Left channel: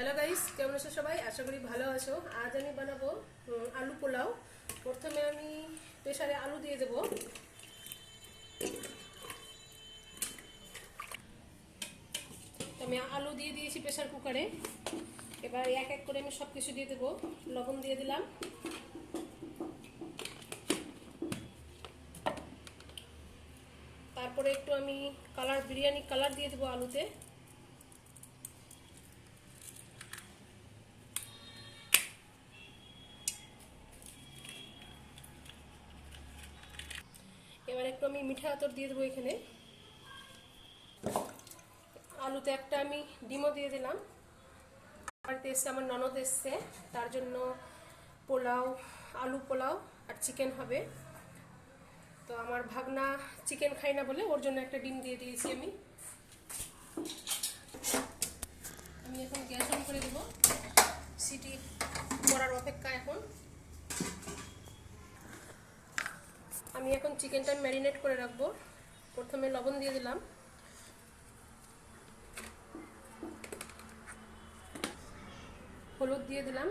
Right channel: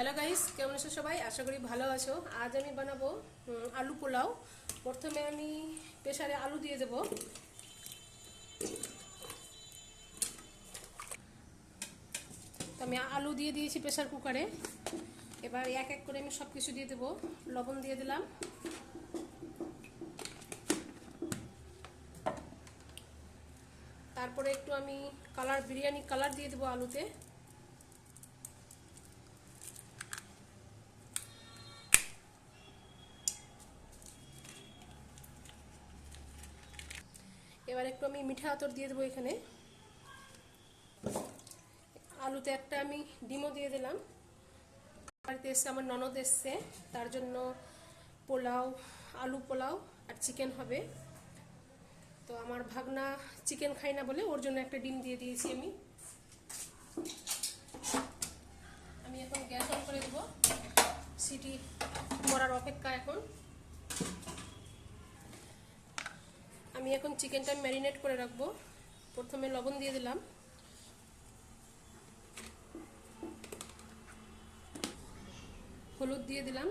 Hello guys, কেমন আছো সবাই? আশা করি ভালো আছো। আজ আমি বানাবো আলু পোলাও। প্রথমে আমি প্রেসারে আলু দিয়ে দেব। আমি আলু দিয়ে দিয়েছি প্রেসার কুকারে। এবার এক এক করে আমি সব কিছু দিয়ে দেবো। লবণ দিয়ে দিলাম, তারপরে একটু আমি বিরিয়ানি কালার দিয়ে দেবো আলুতে। এবার একটু আমি মিঠা আতর দিয়ে দেবো এখানে। আলুতে একটা আমি ডিমও দিয়ে দিলাম। বাড়িতে এসছে, আমার ননদ এসছে, তার জন্য পোলাও, আলু পোলাও আর চিকেন হবে। তো আমার ভাগনা চিকেন খাই না বলে ওর জন্য একটা ডিম দিয়ে দিয়েছি আমি। এখন গ্যাস অন করে দেবো, সিটি করার অপেক্ষা। এখন আমি চিকেনটা ম্যারিনেট করে রাখবো। প্রথমে লবণ দিয়ে দিলাম, হলুদ দিয়ে দিলাম,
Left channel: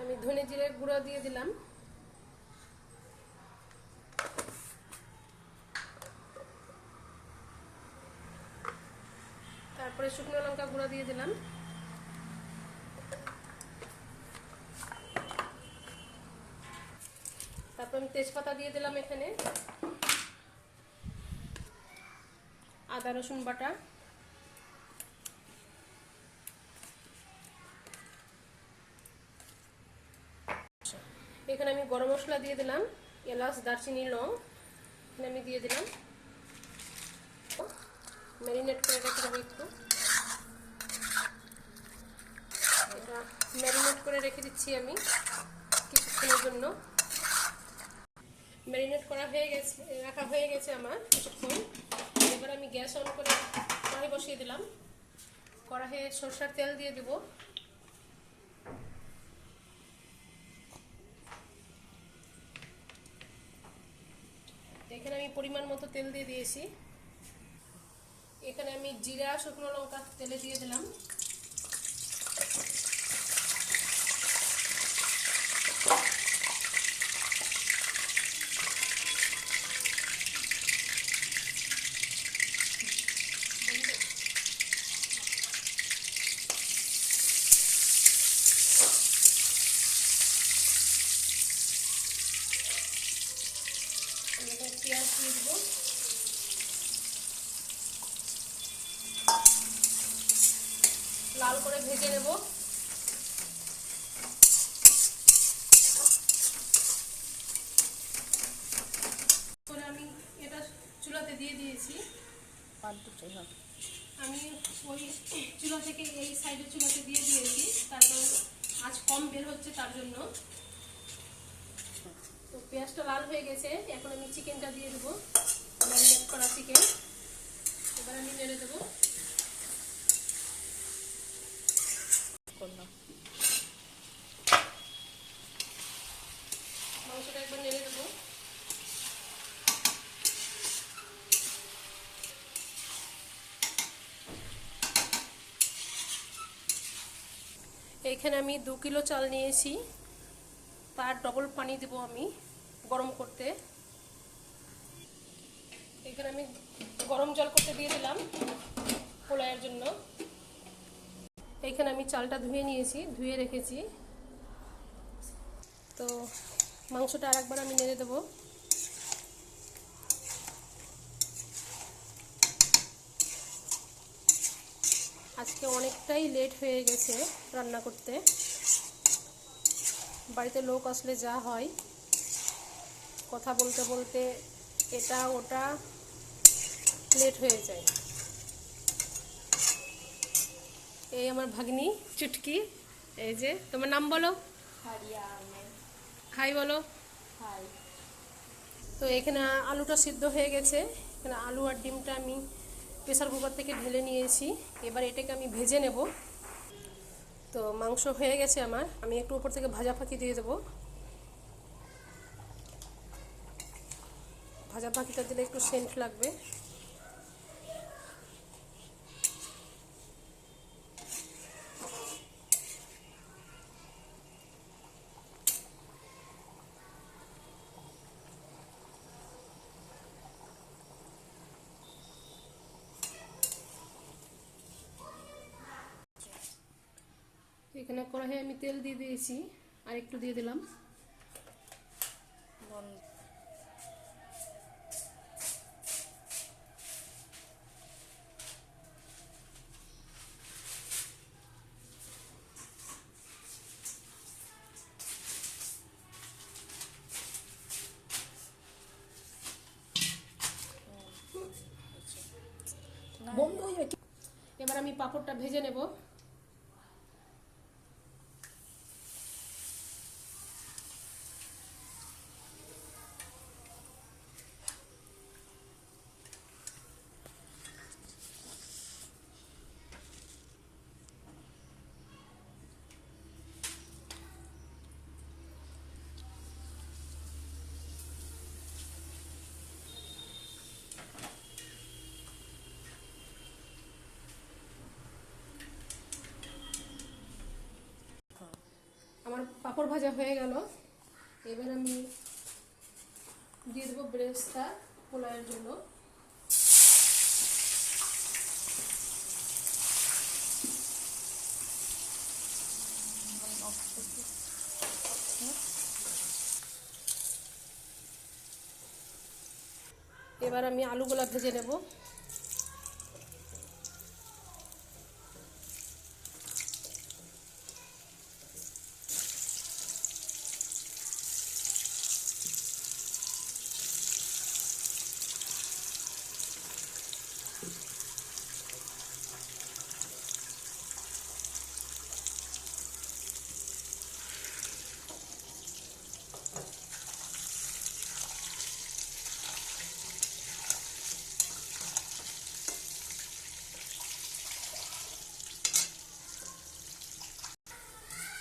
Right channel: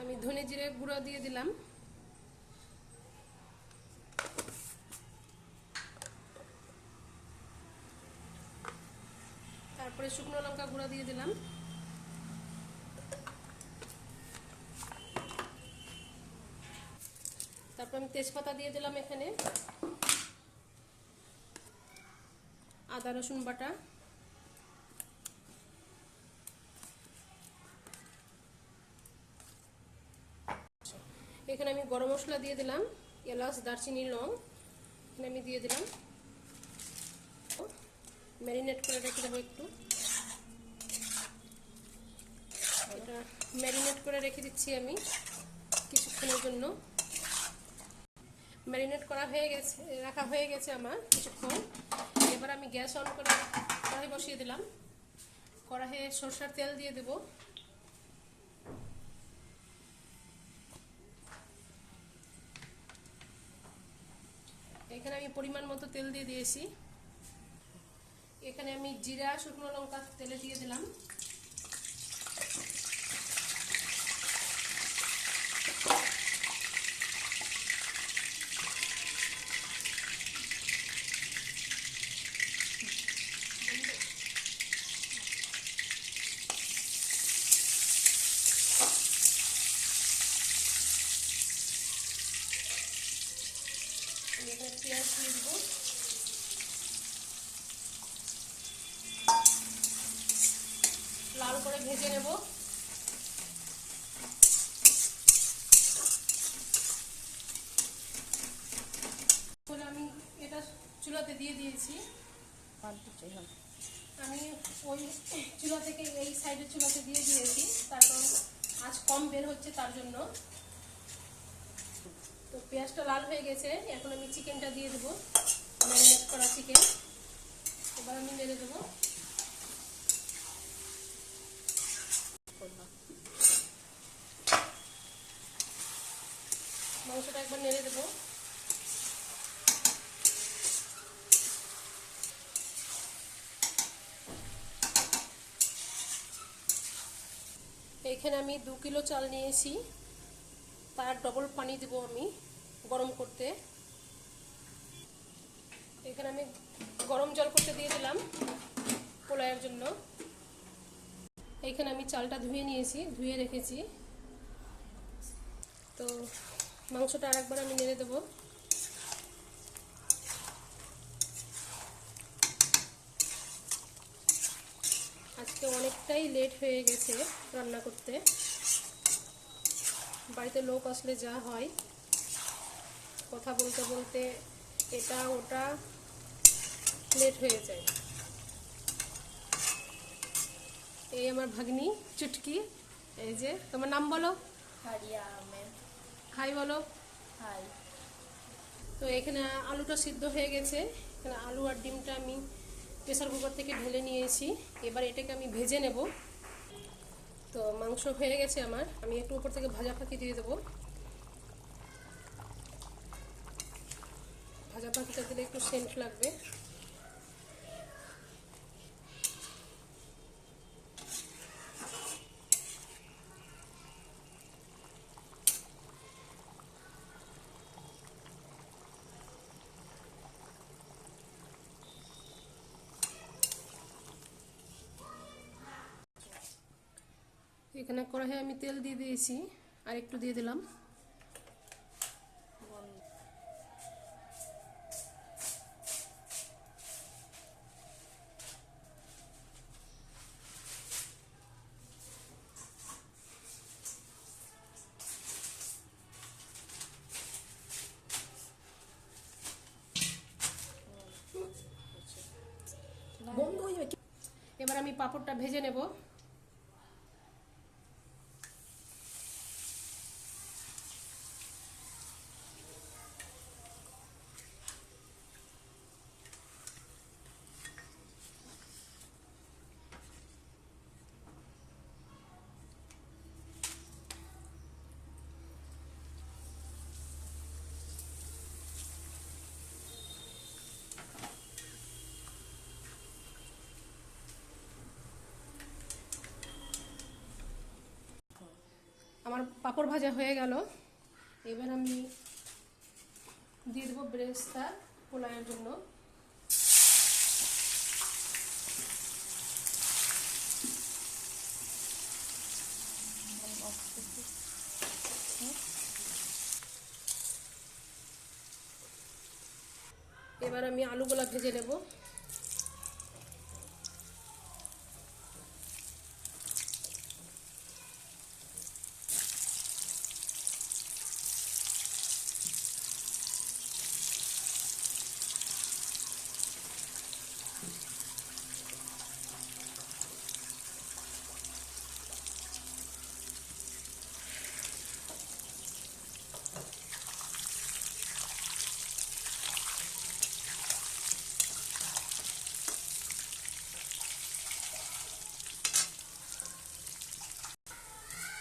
আমি ধনে জিরে গুঁড়া দিয়ে দিলাম, তারপরে শুকনো লঙ্কা গুঁড়া দিয়ে দিলাম, তারপর আমি তেজপাতা দিয়ে দিলাম এখানে, আদা রসুন বাটা, এখানে আমি গরম মশলা দিয়ে দিলাম, এলাচ দারচিনি লং এখানে আমি দিয়ে দিলাম। ম্যারিনেট করে রেখে দেবো একটু। এটা ম্যারিনেট করে রেখে দিচ্ছি আমি কিছুক্ষণের জন্য। ম্যারিনেট করা হয়ে গেছে, রাখা হয়ে গেছে আমার কিছুক্ষণ। এবার আমি গ্যাস অন করে কড়াই বসিয়ে দিলাম। কড়াইয়ে সরষের তেল দিয়ে দেব। এখানে আমি পরিমাণ মতো তেল দিয়ে দিয়েছি। এখানে আমি জিরা শুকনো লঙ্কা তেলে দিয়ে দিলাম। পেঁয়াজ দিয়ে দেবো, লাল করে ভেজে নেব। আমি এটা চুলাতে দিয়ে দিয়েছি। আমি ওই চুলা থেকে এই সাইডের চুলাতে দিয়ে দিয়েছি, তার কারণ আজ কম বের হচ্ছে তার জন্য। তো পেঁয়াজটা লাল হয়ে গেছে, এখন আমি চিকেনটা দিয়ে দেবো, ম্যারিনেট করা চিকেন। এবার আমি নেড়ে দেবো। মাংসটা একবার নেড়ে দেবো। এইখানে আমি 2 কিলো চাল নিয়েছি, তার ডবল পানি দেবো আমি গরম করতে। এখানে আমি গরম জল করতে দিয়ে দিলাম পোলাওয়ের জন্য। এইখানে আমি চালটা ধুয়ে নিয়েছি, ধুয়ে রেখেছি। তো মাংসটা আর একবার আমি নেড়ে দেবো। আজকে অনেকটাই লেট হয়ে গেছে রান্না করতে। বাড়িতে লোক আসলে যা হয়, কথা বলতে বলতে এটা ওটা লেট হয়ে যায়। এই আমার ভাগ্নি চুটকি, এই যে তোমার নাম বলো। হাই বলো। হাই। তো এখানে আলুটা সিদ্ধ হয়ে গেছে। এখানে আলু আর ডিমটা আমি প্রেসার কুকার থেকে ঢেলে নিয়েছি। এবার এটাকে আমি ভেজে নেব। তো মাংস হয়ে গেছে আমার, আমি একটু উপর থেকে ভাজা ফাঁকি দিয়ে দেবো। ভাজা পাখিটা দিলে একটু সেন্ট লাগবে। এখানে কড়াইয়ে আমি তেল দিয়ে দিয়েছি, আর একটু দিয়ে দিলাম। এবার আমি পাঁপড়টা ভেজে নেব। আমার পাঁপড় ভাজা হয়ে গেল। এবার আমি দিয়ে দেবো বেরেস্তা পোলাওয়ের জন্য। এবার আমি আলুগুলা ভেজে নেব।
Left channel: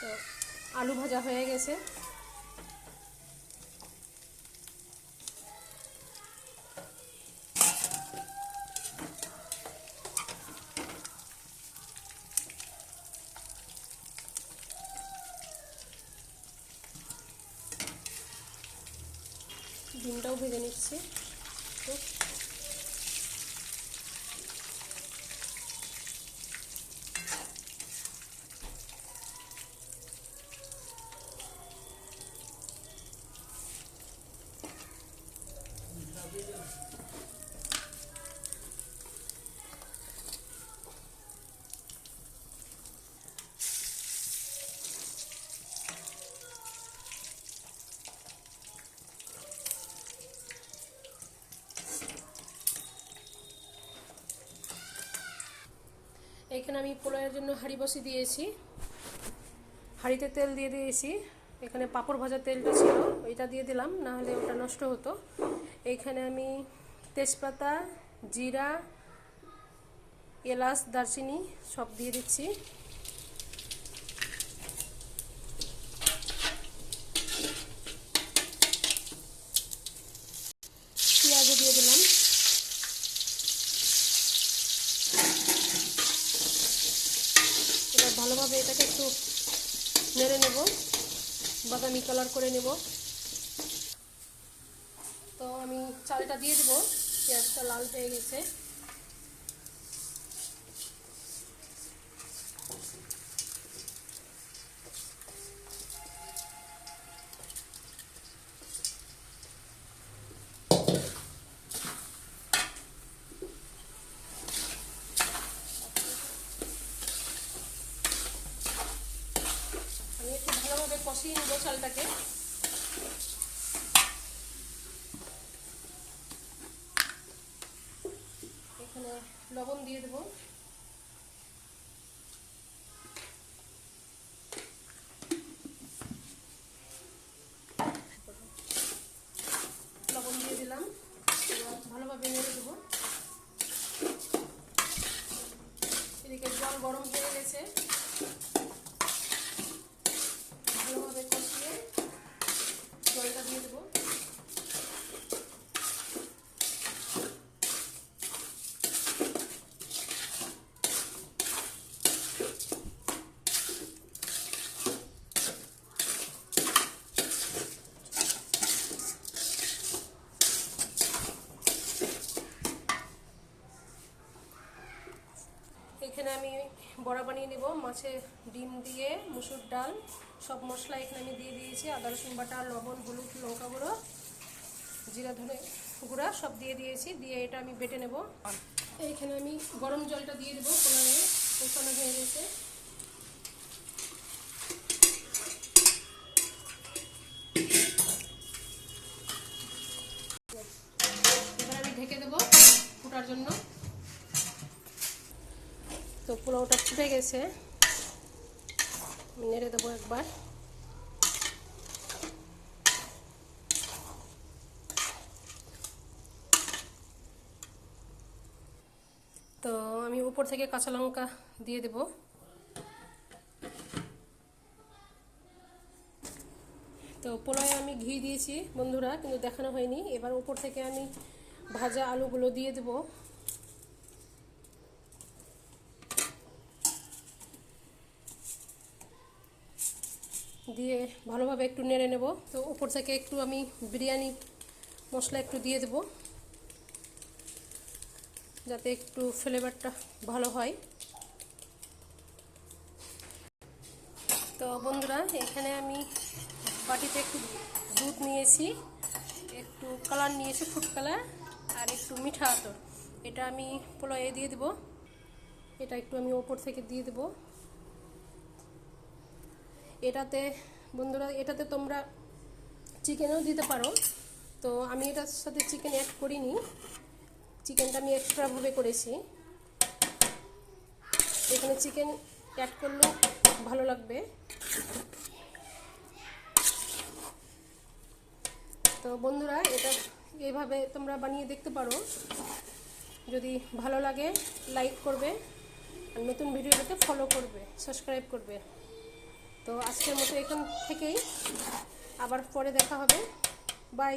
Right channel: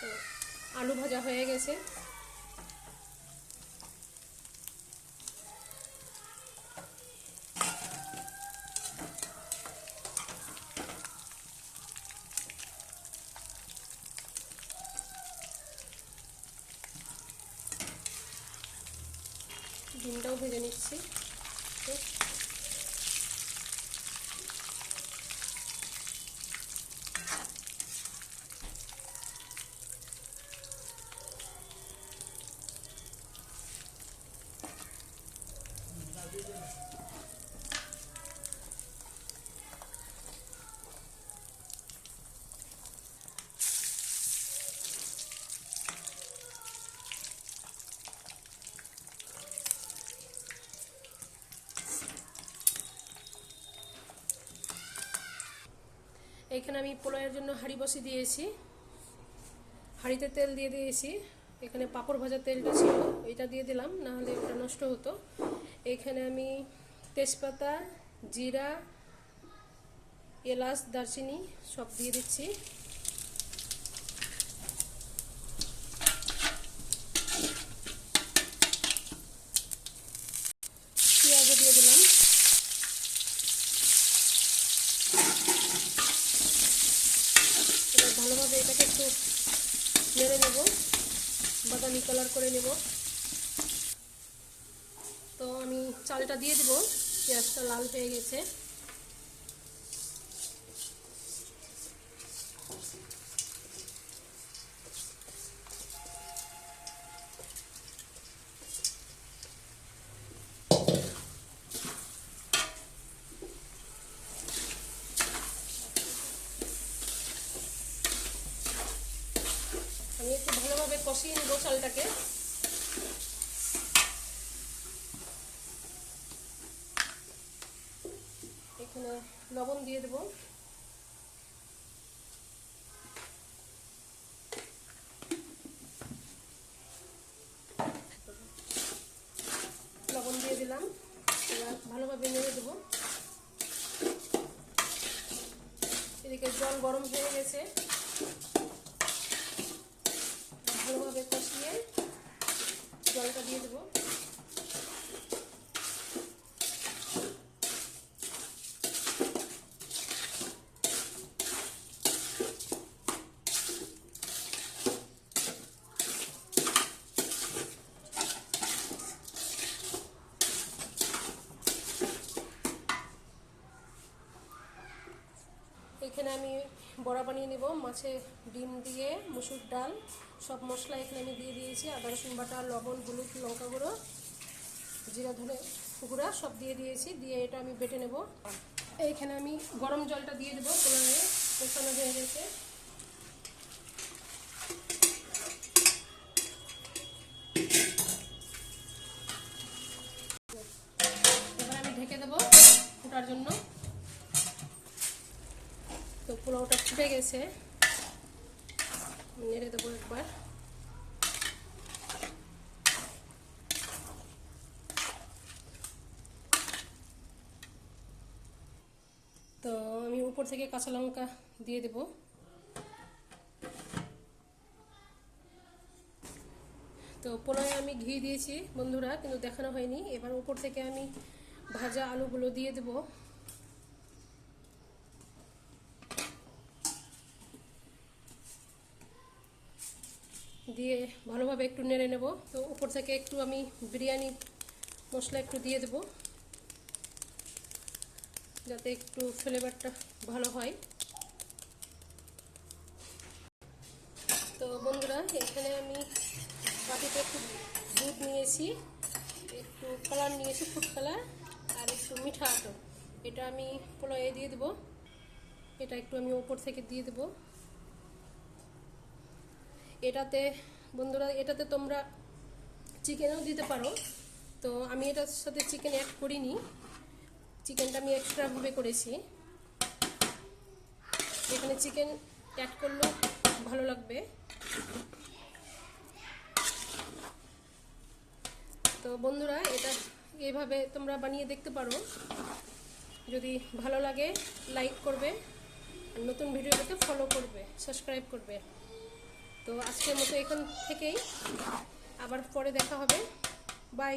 তো আলু ভাজা হয়ে গেছে। ডিমটাও ভেজে নিচ্ছি। এখানে আমি পোলাওয়ের জন্য হাঁড়ি বসিয়ে দিয়েছি। হাঁড়িতে তেল দিয়ে দিয়েছি। এখানে পাঁপড় ভাজার তেলটা ছিল, ওইটা দিয়ে দিলাম, না হলে ওটা নষ্ট হতো। এইখানে আমি তেজপাতা, জিরা, এলাচ, দারচিনি সব দিয়ে দিচ্ছি। পেঁয়াজও দিয়ে দিলাম। এবার ভালোভাবে এটাকে একটু নেড়ে নেব, বাদামি কালার করে নেব। তো আমি চালটা দিয়ে দেবো। পেঁয়াজটা লাল হয়ে গেছে। আমি একটু ভালোভাবে কষিয়ে নেব চালটাকে। এখানে লবণ দিয়ে দেবো। লবণ দিয়ে দিলাম। এবার ভালোভাবে নেড়ে দেবো। এদিকে জল গরম হয়ে গেছে। ভালোভাবে কষিয়ে জলটা দিয়ে দেবো। আমি বড়া বানিয়ে নিব। মাছে ডিম দিয়ে মুসুর ডাল সব মশলা এখানে আমি দিয়ে দিয়েছি, আদা রসুন বাটা, লবণ, হলুদ, লঙ্কা গুঁড়ো, জিরা ধনে গুঁড়া সব দিয়ে দিয়েছি। দিয়ে এটা আমি বেটে নেব। এইখানে আমি গরম জলটা দিয়ে দেবো, পোলাওয়ে কষানো হয়ে গেছে। এবার আমি ঢেকে দেবো ফোটার জন্য। তো পোলাওটা ফুটে গেছে, নেড়ে দেবো একবার। তো আমি উপর থেকে কাঁচা লঙ্কা দিয়ে দেব। তো পোলাওয়ে আমি ঘি দিয়েছি বন্ধুরা, কিন্তু দেখানো হয়নি। এবার উপর থেকে আমি ভাজা আলুগুলো দিয়ে দেব। দিয়ে ভালোভাবে একটু নেড়ে নেব। তো উপর থেকে একটু আমি বিরিয়ানি মশলা একটু দিয়ে দেব, যাতে একটু ফ্লেভারটা ভালো হয়। তো বন্ধুরা, এখানে আমি বাটিতে একটু দুধ নিয়েছি, একটু কালার নিয়েছি ফুড কালার, আর একটু মিঠা আতর। এটা আমি পোলাওয়ে দিয়ে দেব। এটা একটু আমি ওপর থেকে দিয়ে দেব। এটাতে বন্ধুরা, এটাতে তোমরা চিকেনও দিতে পারো। তো আমি এটার সাথে চিকেন অ্যাড করিনি, চিকেনটা আমি এক্সট্রাভাবে করেছি। এখানে চিকেন অ্যাড করলেও ভালো লাগবে। তো বন্ধুরা, এটা এইভাবে তোমরা বানিয়ে দেখতে পারো। যদি ভালো লাগে লাইক করবে, আর নতুন ভিডিওটাকে ফলো করবে, সাবস্ক্রাইব করবে। তো আজকের মতো এখান থেকেই, আবার পরে দেখা হবে। বাই।